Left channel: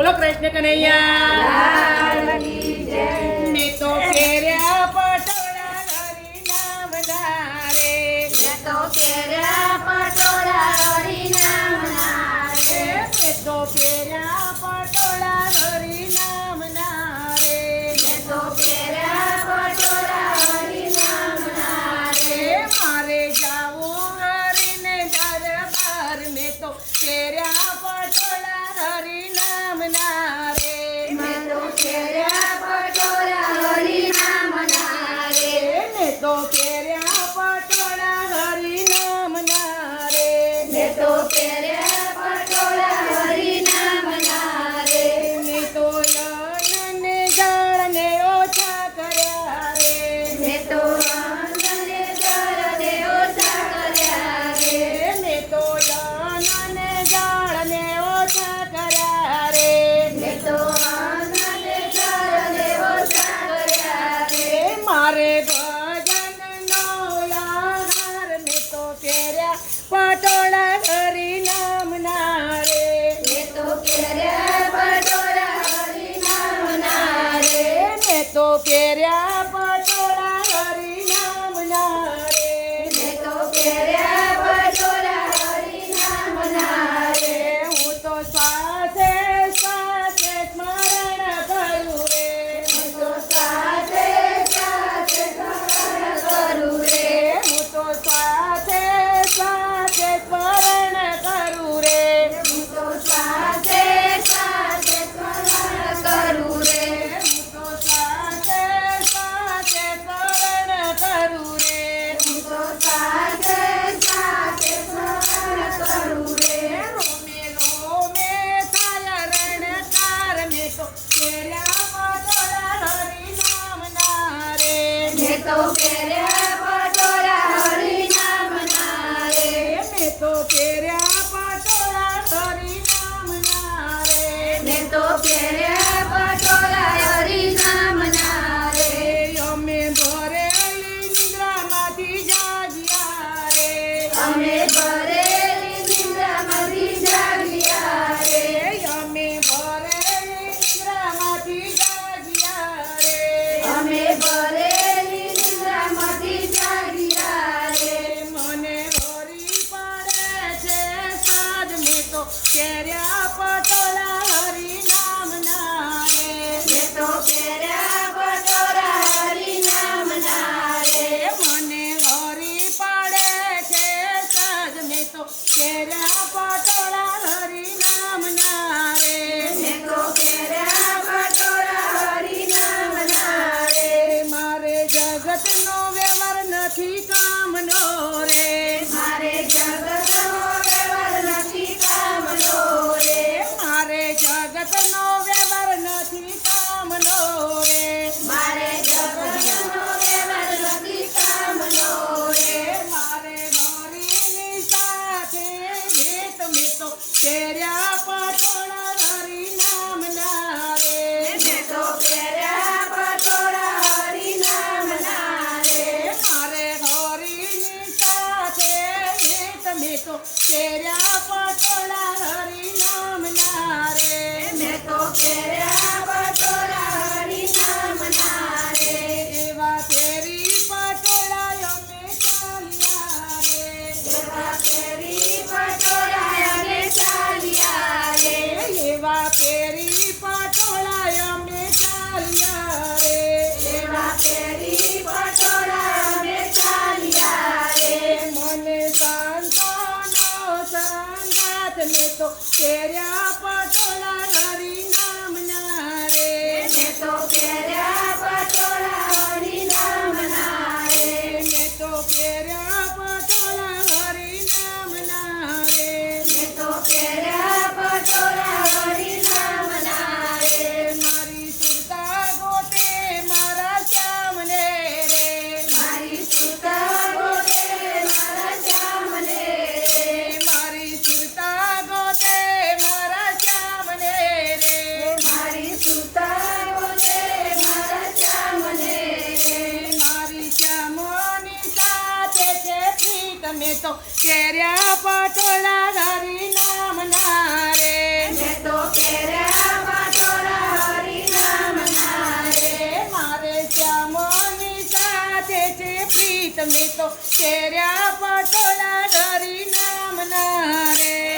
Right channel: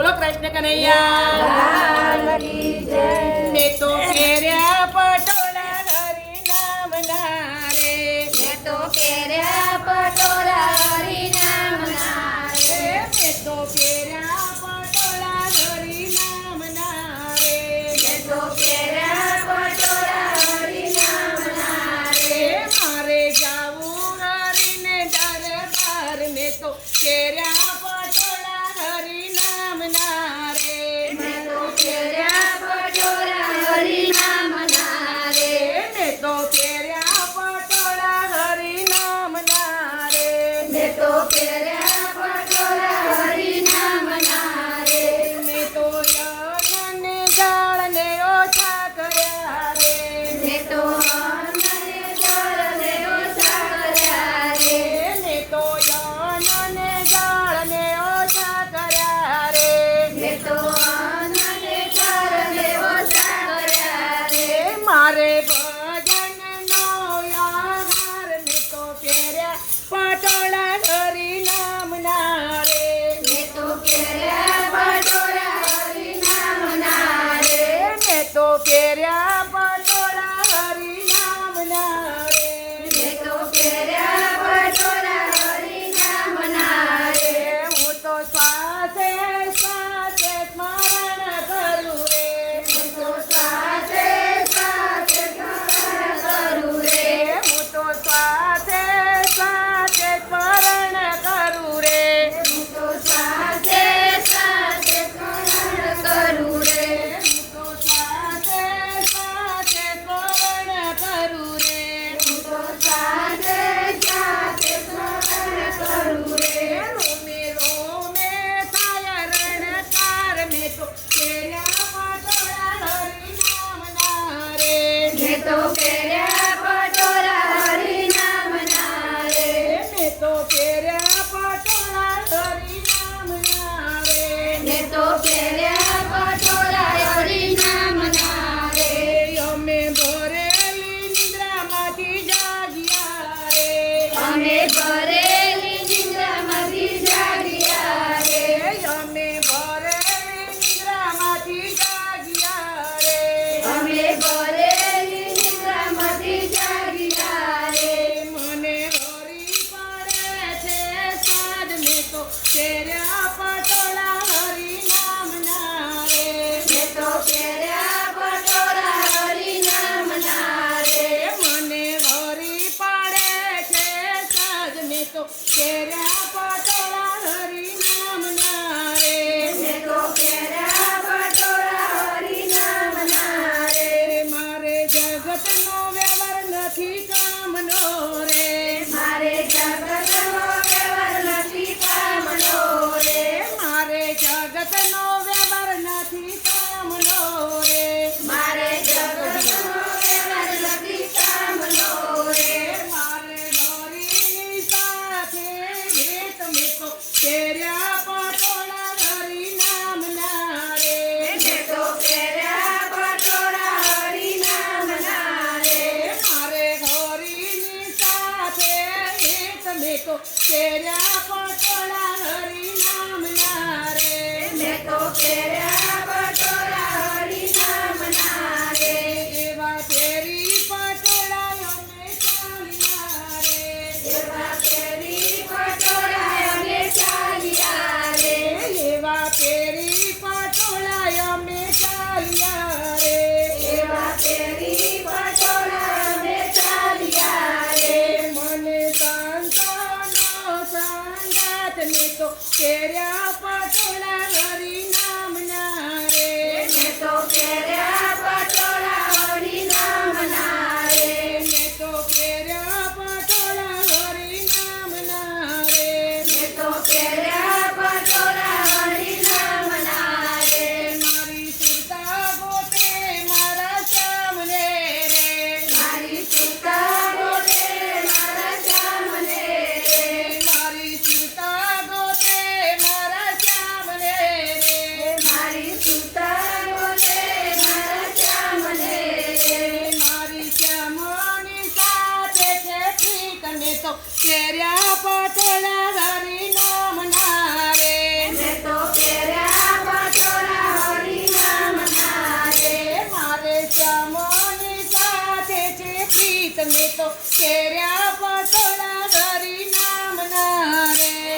બોલો કૃષ્ણ કનૈયા લાલ કી જય. મેં તો પહેર્યા પટોળા હરી નામના રે. મેં તો પહેર્યા પટોળા હરિનામના રે. મેં તો પહેર્યા પટોળા હરી નામના રે. મેં તો પહેર્યા પટોળા હરિનામના રે. મારે જાવું હરીને દરબાર. મેં તો પહેર્યા પટોળા હરી નામના રે. મેં તો પહેર્યા પટોળા હરિનામના રે. મેં તો પહેર્યા પટોળા હરી નામના રે. મેં તો પહેર્યા પટોળા હરિનામના રે. મેં તો યનને જળને ઓછા કર્યા રે. મેં તો અન્નને જળને ઓછા કર્યા રે. મેં તો યનને જળને ઓછા કર્યા રે. મેં તો અન્નને જળને ઓછા કર્યા રે. મારે ભજનનો આહાર. મેં તો પહેર્યા પટોળા હરી નામના રે. મેં તો પહેર્યા પટોળા હરિનામના રે. મેં તો પહેર્યા પટોળા હરી નામના રે. મેં તો પહેર્યા પટોળા હરિનામના રે. હું તો શ્વાસે શ્વાસે સ્મરણ કરું રે. હું તો સાથે સાથે સ્મરણ કરું રે. હું તો શ્વાસે શ્વાસે સ્મરણ કરું રે. હું તો સાથે સાથે સ્મરણ કરું રે. હું તો શ્વાસે શ્વાસે સ્મરણ કરું રે. હું તો સાથે સાથે સ્મરણ કરું રે. રોમે રોમે થાય રણકાર. મેં તો પહેર્યા પટોળા હરી નામના રે. મેં તો પહેર્યા પટોળા હરિનામના રે. મેં તો પહેર્યા પટોળા હરી નામના રે. મેં તો પહેર્યા પટોળા હરિનામના રે. અમે ભરેલી નિદ્રામાંથી જાગ્યા રે. અમે ભરેલી નિંદ્રામાંથી જાગ્યા રે. અમે ભરેલી નિદ્રામાંથી જાગ્યા રે. અમે ભરેલી નિંદ્રામાંથી જાગ્યા રે. મને હરી પડે છે સાદ. મેં તો પહેર્યા પટોળા હરી નામના રે. મેં તો પહેર્યા પટોળા હરિનામના રે. મને હરી પડે છે સાદ. મેં તો પહેર્યા પટોળા હરી નામના રે. મેં તો પહેર્યા પટોળા હરિનામના રે. મારે જગતનો વ્યવહાર નથી કામનો રે. મારે જગતનો વ્યવહાર નથી કામનો રે. મારે જગતનો વ્યવહાર નથી કામનો રે. મારે જગતનો વ્યવહાર નથી કામનો રે. મારે હરીની સાથે હેત. મેં તો પહેર્યા પટોળા હરી નામના રે. મેં તો પહેર્યા પટોળા હરિનામના રે. મારે હરીની સાથે હેત. મેં તો પહેર્યા પટોળા હરી નામના રે. મેં તો પહેર્યા પટોળા હરિનામના રે. એવા પહેરી પટોળા અમે ચાલ્યા રે. એવા પહેરી પટોળા અમે ચાલ્યા રે. એવા પહેરી પટોળા અમે ચાલ્યા રે. એવા પહેરી પટોળા અમે ચાલ્યા રે. મને સંતાનો સંગાત. મેં તો પહેર્યા પટોળા હરી નામના રે. મેં તો પહેર્યા પટોળા હરિનામના રે. મેં તો પહેર્યા પટોળા હરી નામના રે. મેં તો પહેર્યા પટોળા હરિનામના રે. મારી સુરતા ગોતે મારા સામને રે. મારી સીતા ગોતે મારા સામને રે. મારી સુરતા ગોતે મારા સામને રે. મારી સીતા ગોતે મારા સામને રે. મારી શ્યામની સાથે છે પ્રીત. મેં તો પહેર્યા પટોળા હરી નામના રે. મેં તો પહેર્યા તો કેર્યા પટોળા ધરી નામના રે